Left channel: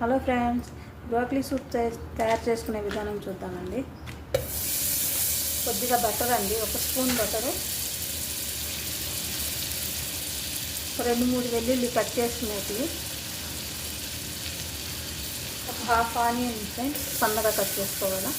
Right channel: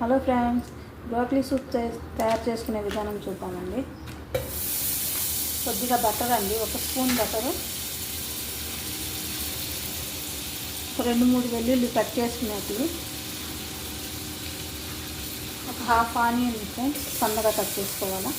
Hello friends, broccoli soup తయారు చేసుకునే విధానం చూద్దామండి. కొద్దిగా బటర్ అండి, 1 స్పూన్ బటరు, 2-3 వెల్లుల్లి కట్ చేసుకునేటివి, ఒక హాఫ్ ఆనియన్ ఫ్రెండ్స్ సన్నగా కట్ చేసుకోవాలా,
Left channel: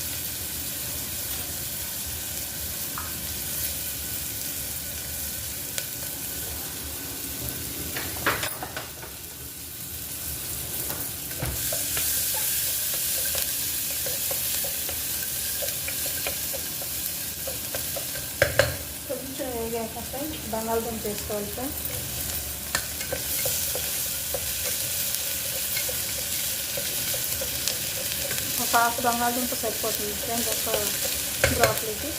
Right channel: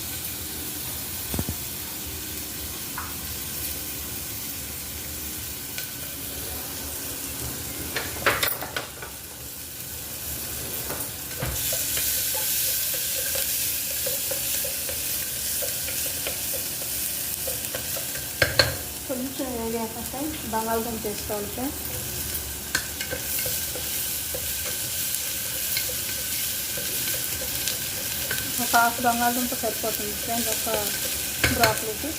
కొంచెం వేగాక ఫ్రెండ్స్ బంగాళదుంప వేసుకోవాలి ఫ్రెండ్స్. ఒక హాఫ్ బంగాళదుంప సరిపోతుంది ఫ్రెండ్స్ ఒక బ్రోకలీకి.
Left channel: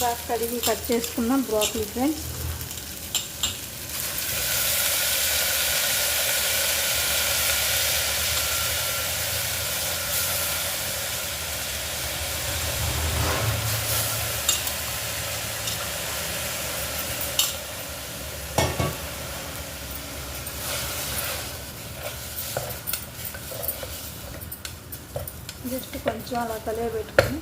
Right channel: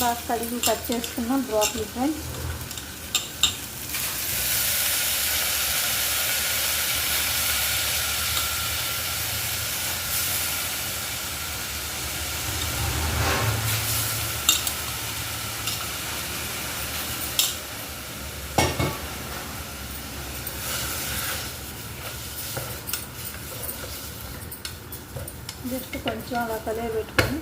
బాగా కడిగి కట్ చేసుకున్నాం బ్రోకలీ ఫ్రెండ్స్. జస్ట్ కొంచెం అలా కలిగి పెట్టుకొని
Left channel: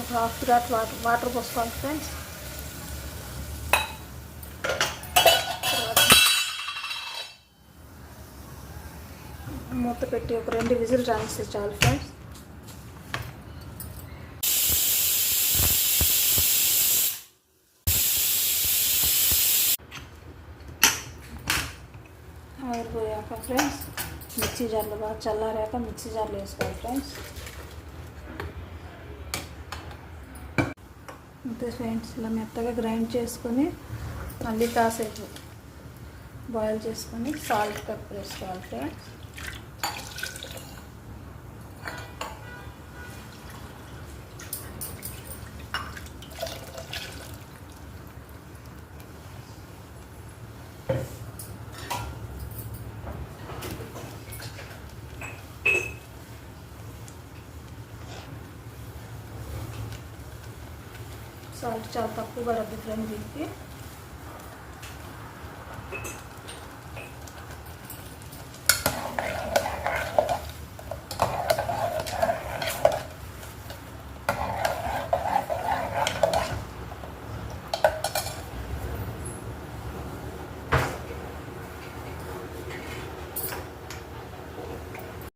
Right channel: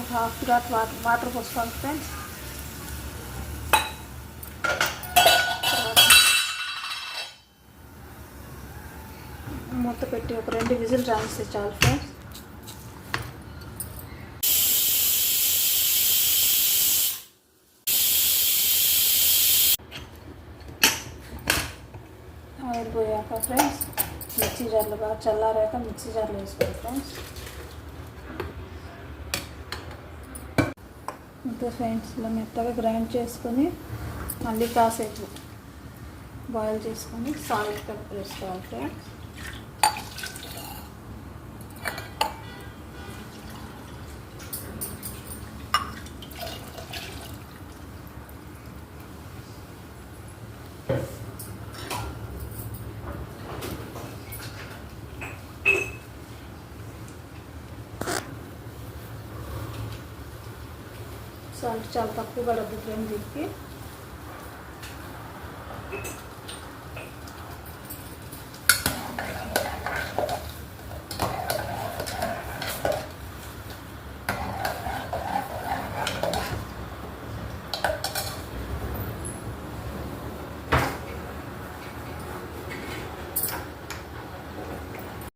ఒక హాఫ్ గ్లాస్ వాటర్ పోసుకోవాలి ఫ్రెండ్స్. మూత పెట్టి ఒక 2 విజిల్ రానిస్తే చాలు ఫ్రెండ్స్. ఆయిల్ పోయాక ఫ్రెండ్స్ మిక్సీ జార్లో బాగా చల్లారాక మిక్సీ జార్లో వేసుకోవాలి ఫ్రెండ్స్. అంతే ఫ్రెండ్స్, ఇలా మెత్తగా గ్రైండ్ చేసుకొని మళ్ళీ కాసేపు బాయిల్ చేసుకొని సాల్ట్ కట్ వేసుకోవాలి ఫ్రెండ్స్. సాల్ట్ చాలా తక్కువ పడద్దు ఫ్రెండ్స్ దీనికి.